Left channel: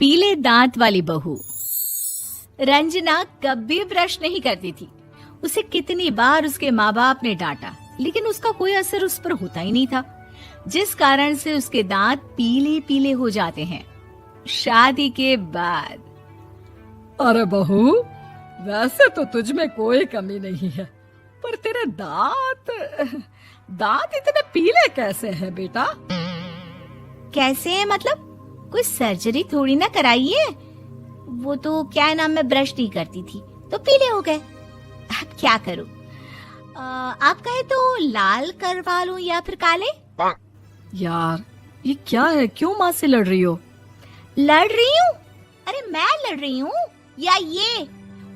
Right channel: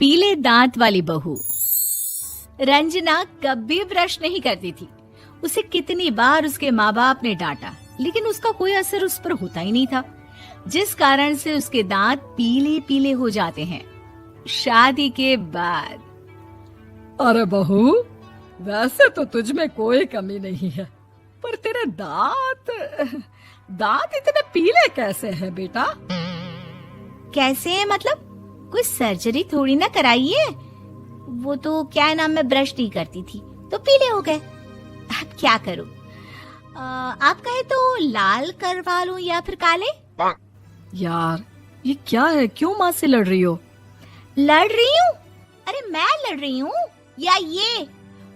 पीले दांत वाली बहू। रंजना कभी ब्रश नहीं करती थी। उसे कितनी बार उसके माँ बाप ने डांटा, लेकिन उसका कोई असर उस पर होता ही नहीं था, जिस कारण से उसके दांत पीले पीले हो जाते हैं। शादी के बाद। अरे बहू, वैसे तो तुझ में कोई कमी नहीं है, पर तेरे दांत इतने पीले कैसे हैं बेटा? कैसे मतलब? कोई सर्जरी थोड़ी ना कराई है। वो तो क्या नाम, मैं ब्रश नहीं करती थी तो पीले हो गए। अब क्या करूं? आप कहें तो लाल करवा लूं या फिर काले? यार ये क्या है, क्यों माँ से लड़ रही हो? लड़ रही हूँ? अरे मैं लड़ रही हूँ या ये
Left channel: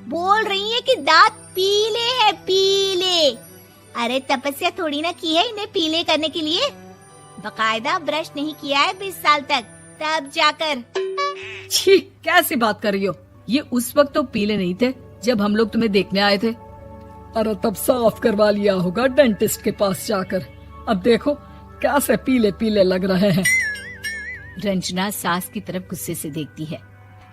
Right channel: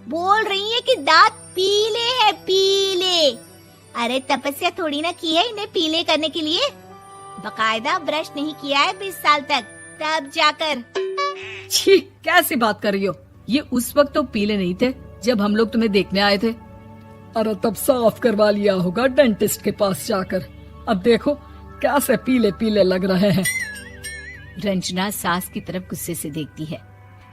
बोल रही है कि दांत पीले हैं, पीले। अरे तपस्या थोड़ी ना की है इन्हें पीले करने के लिए। बकायदा ब्रश नहीं किया है 20 साल तक, तब जाकर। छी, कैसी बात कर रही हो? ये उस वक्त तो पीले नहीं थे जब हम लोग तुम्हें देखने आए थे। अरे तब साफ करवा लिया होगा डेंटिस्ट के पास जाकर। अब देखो कैसे पीले पीले लग रहे हैं। रंजना सास की तरफ गुस्से से देखती है।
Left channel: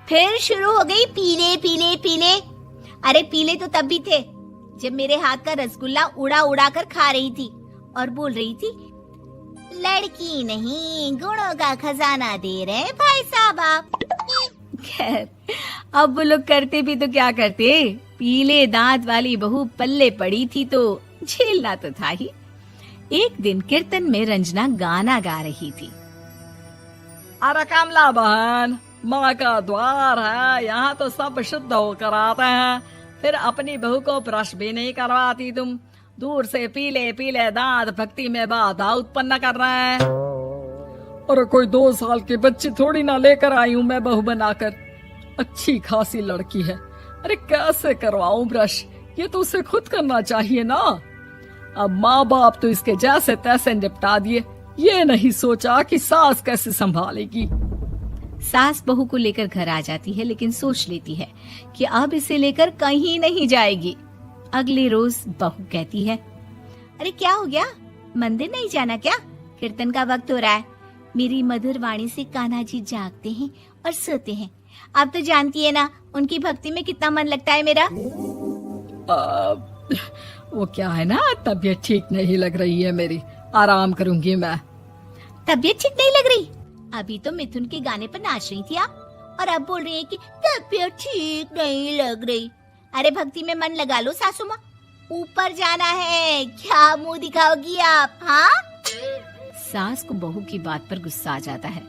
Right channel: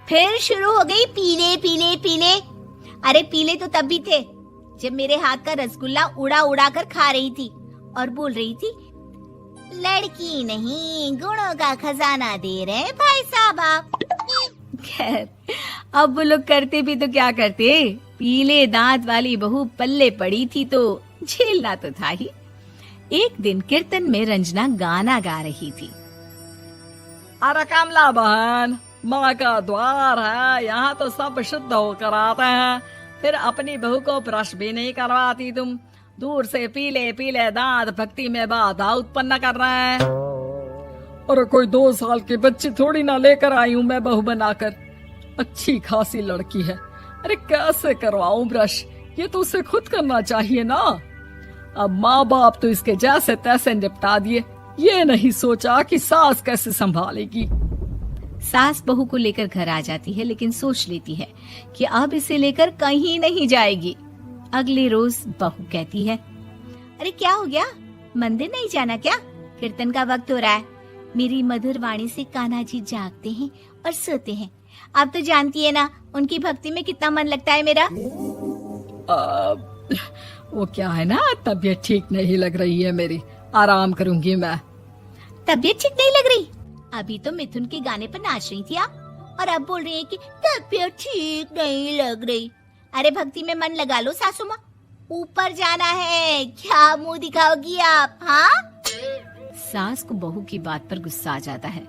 फिर शुरू हो गई पीले पीले पीले। अरे पीले तो तब भी थे जब मेरे हाथ का रसगुल्ला उड़ा उड़ा कर खा रही थी और बोल रही थी, लड़की नहीं गुणों का खजाना दे रहे भाई साहब। खैर, अब वो लोग करते भी तो क्या करते, पीले दांत वाली बहू पल्ले पड़ी थी तो झेलना तो था ही। एक दिन कीर्तन में रंजना गाना गा रही थी। अरे कमला बहन, माँ का द्वार है, यहाँ तो सब शुद्ध होकर आते हैं, फिर अपनी बहू को ब्रश भी नहीं करवाती तुम। दूर से पीले पीले दांत भक्ति में बाधा उत्पन्न कर रहे हैं। और कोई 2 साल के बच्चे थोड़ी ना लेकर आई हूँ मैं बहू बनाकर। अच्छी खासी लड़की है, अरे कैसे करवाऊं ब्रश? ये तो उसे खुद करना चाहिए ना। अब माँ बाप तो इसके जैसे तैसे निपटा दिए, ये नहीं सोचा कि सास कैसे संभालेगी। सास बहू को लेकर घर आ जाती है, लेकिन सोच लेती है कि अब इसे लेकर कहीं नहीं जाएगी। अगले रोज बहू कहती है, अरे क्या हो गया, मंदिर नहीं जाना क्या? कीर्तन का वक्त हो रहा है। मेरी मधुर वाणी से कान्हा जी जागते हैं और सोते हैं। आप तो जानती है ना उनकी भक्ति में कितना मन लगता है मेरा। वो क्या है ना, तबीयत ठीक नहीं लग रही है मेरी, आराम करूंगी मैं। तबीयत ठीक नहीं लग रही? अभी तो मिथुन के गाने पर नाच रही थी आप, और अब बोल रही है कि तबीयत ठीक नहीं लग रही। अरे भक्ति में मन लगा लो सासू माँ, ऊपर जाना है, क्या मुंह दिखाओगी आप? हाँ? सास को बहू की बात पर गुस्सा आ जाता है।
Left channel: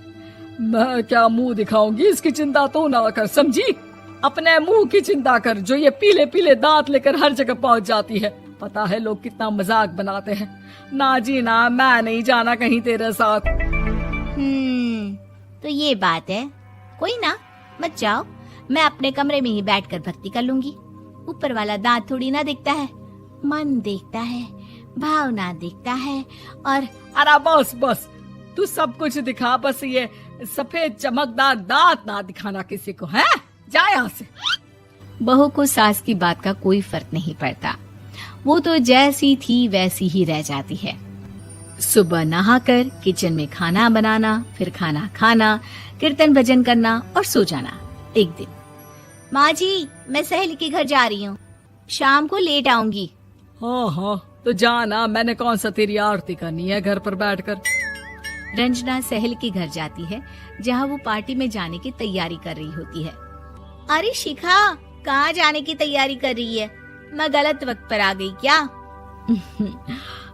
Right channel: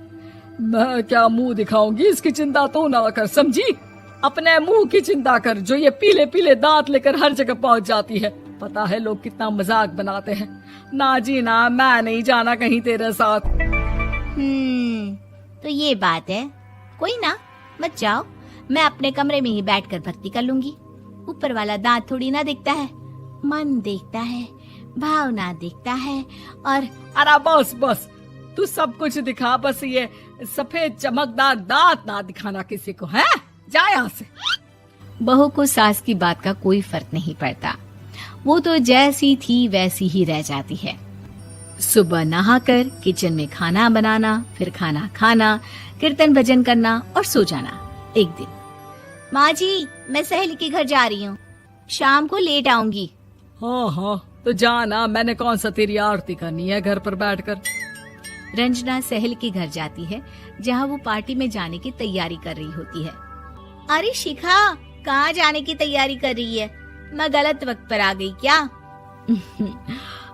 मैं क्या मुंह दिखाऊंगी, इसकी चिंता तो ना कर, समझी? अपने मुंह की चिंता कर, जो ये पीले पीले दांत लेकर हर जगह पहुंच जाती है। पता है लोग कितना मजाक बनाते हैं। ना जी ना, मैं नहीं जाना कहीं तेरे साथ। तो ये बात है। कोई ना, मत जाओ, मैं अपने कमरे में ही बैठकर भक्ति कर लूंगी। ऊपर वाला दांत थोड़ी ना देखता है, मन देखता है, भावना देखता है। और अरे बस बस, तू सब कुछ दिखा, बस ये सफेद चमकदार दांत ना दिखाना किसी को, है? जा यहाँ से। बहू को सास की बात का कोई फर्क नहीं पड़ता। वो तो जैसी थी वैसी ही रह जाती है। सुबह नहाकर किचन में खाना बनाना, फिर खाना खाना, कीर्तन भजन करना और सो जाना। एक दिन, माँ जी मैं सहेली के घर जा रही हूँ, शाम को लेट आऊंगी। हाँ हाँ तो जाना, मैंने कौन सा तेरी आरती करनी है घर पर बैठकर। रंजना सहेली के घर जाती है, जहाँ वो पार्टी में जाने की तैयारी कर रही होती है। अरे शिखा, कहाँ जाने की तैयारी कर रही है? मैं गलत वक्त पर आ गई क्या?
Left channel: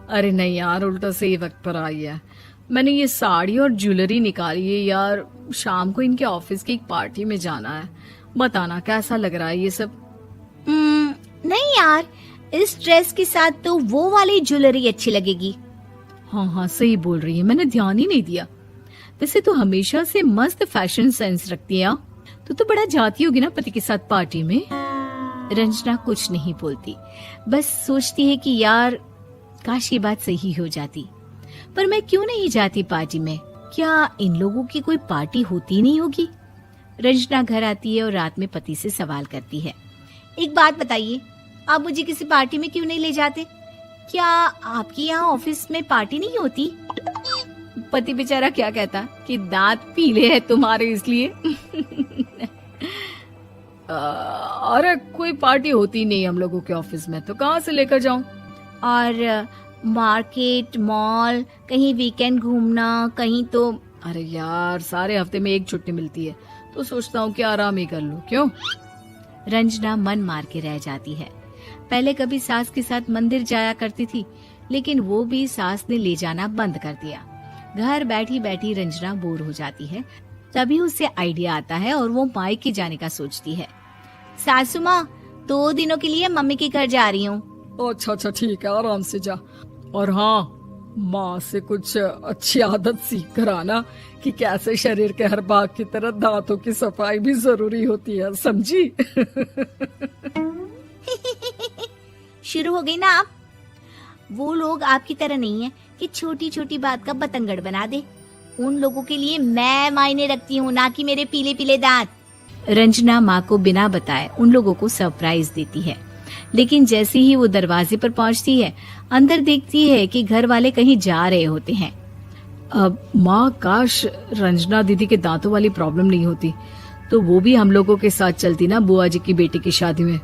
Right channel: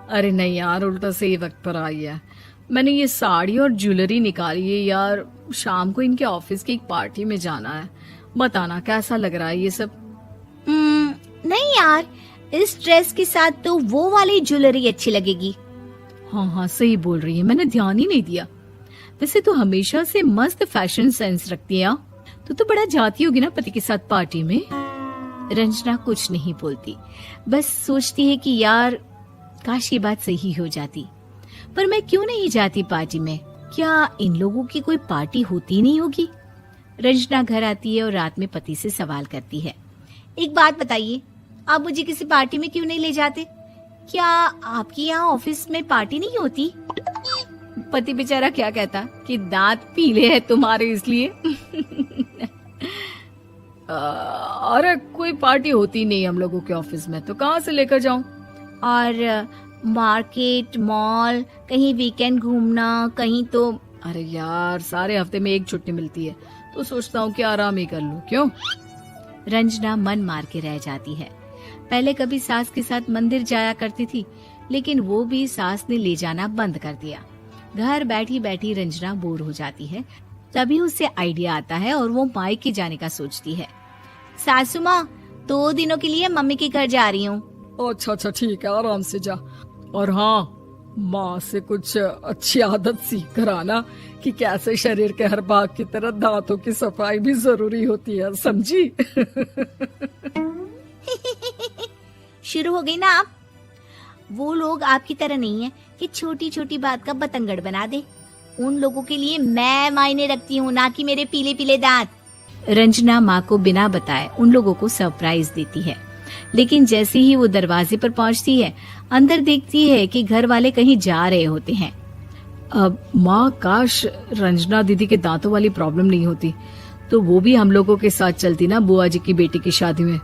अरे नहीं यार, उल्टा सही वक्त पर आई है। मैंने ये साड़ी और ज्वेलरी निकाली है यार, शाम को इनके ऑफिस की एक पार्टी में जाना है। बताना कैसा लग रहा है ये सब? नहीं यार, इस ड्रेस के साथ तो वो वाली ज्वेलरी अच्छी लगेगी। हाँ हाँ सही बोल रही है, मैंने ध्यान ही नहीं दिया। वैसे तो हमेशा से मस्त फैशन सेंस रखती है। तो बड़ा जाती होगी ना पति के साथ पार्टी में। रंजना कुछ नहीं बोलती, बस सोचती है कि यार काश ये बात सही हो जाती, पर मैं क्यों नहीं जाती पार्टी में? क्या इन लोगों की कोई पार्टी होती नहीं होगी? रंजना घर आती है और रात में पति से सवाल करती है, एक बात बताइए, आप मुझे किसी पार्टी में क्यों नहीं ले जाते? क्या आपके यहाँ ऑफिस में पार्टी नहीं होती? पति बेचारा क्या कहता कि दांत पीले हैं तुम्हारे इसलिए। अरे कोई पार्टी होती नहीं हम लोगों के ऑफिस में, तो कहाँ से लेकर जाऊं? और मार्केट, मॉल, कहीं वीकेंड घूमना, कहीं तो। अरे यार सारे हफ्ते में एक छुट्टी मिलती है, तो सोचता हूँ कि आराम ही कर लूं। क्यों? रंजना मन मार के रह जाती है। पहले कभी सास के साथ मंदिर जाया करती थी, लेकिन वो भी सास ने ले जाना बंद कर दिया। घर बैठी बैठी रंजना बोर हो जाती है। तभी उसे आइडिया आता है और वो मायके जाने का सोचती है। सासू माँ, 2 दिनों के लिए मम्मी के घर जा रही हूँ। अच्छा ठीक है, आराम से जा। और हाँ, माँ से कुछ अच्छी आदत सीख कर आना कि कैसे शरीर के हर भाग की तरह दांतों की सफाई भी जरूरी होती है, समझी? शुरू हो गई ना आप। वो लोग आपकी तरह नहीं है कि छोटी छोटी बात का बतंगड़ बना दे। उन लोगों के लिए मैं मायने रखती हूँ, ना कि मेरे पीले पीले दांत। रंजना माँ को बिना बताए उन लोगों को सरप्राइज देती है, लेकिन जैसे ही वो दरवाजे पर पहुँचती है, अंदर देखती है कि घर वाले कहीं जा रहे होते हैं। अब माँ, काश रंजना दीदी के दांतों वाली प्रॉब्लम नहीं होती, तो वो भी हम लोगों के साथ चलती ना बुआ जी की बेटी की शादी में।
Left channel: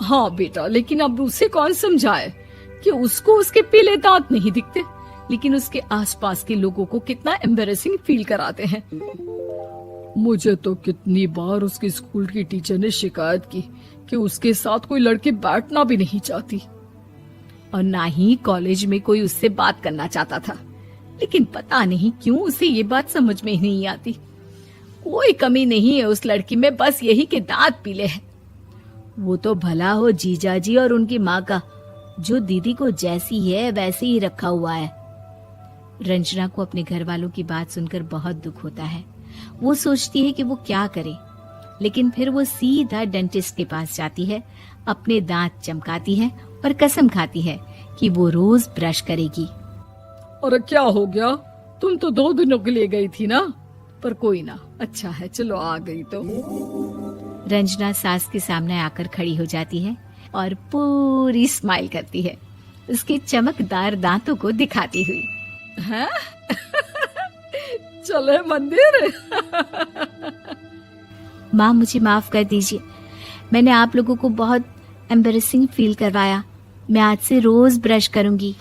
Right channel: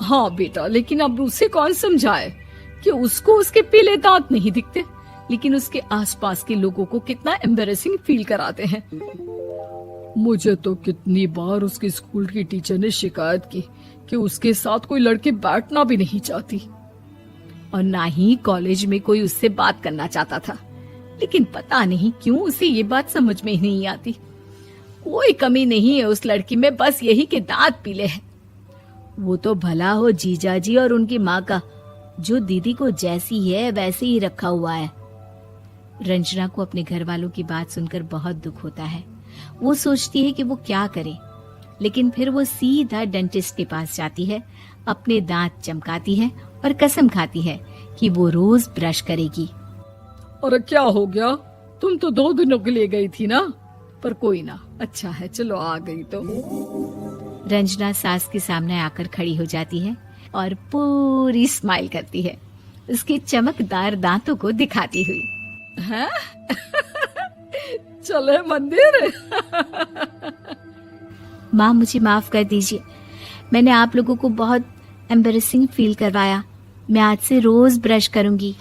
हाँ बेटा, लेकिन अब उसे कौन समझाए कि उसको उसके पीले दांत नहीं दिखते, लेकिन उसके आसपास के लोगों को कितना एम्बैरेसिंग फील कराते हैं। मुझे तो कितनी बार उसके स्कूल की टीचर ने शिकायत की कि उसके साथ कोई लड़की बैठना भी नहीं चाहती, और ना ही कॉलेज में कोई उससे बात करना चाहता था। लेकिन पता नहीं क्यों उसे ये बात समझ में ही नहीं आती। कोई कमी नहीं है उस लड़की में, बस यही कि दांत पीले हैं। वो तो भला हो जीजाजी और उनकी माँ का, जो दीदी को जैसी है वैसे ही रखा हुआ है। रंजना को अपने घर वालों की बात सुनकर बहुत दुख होता है। वो सोचती है कि वो क्या करे, लेकिन फिर वो सीधा डेंटिस्ट के पास जाती है, अपने दांत चमकाती है और कसम खाती है कि वो रोज ब्रश करेगी। अरे क्या हो गया? तुम तो 2 दिनों के लिए गई थी ना, पर कोई ना, अच्छा है, चलो आ गई तो। रंजना सास के सामने आकर खड़ी हो जाती है और पूरी स्माइल करती है, उसके चमकदार दांतों को दिखाती हुई। हैं? चले मंदिर। माँ, मुझे माफ कर दीजिए, मैंने आप लोगों को बहुत एम्बैरेसिंग फील करवाया। मैं आज से रोज ब्रश करूंगी।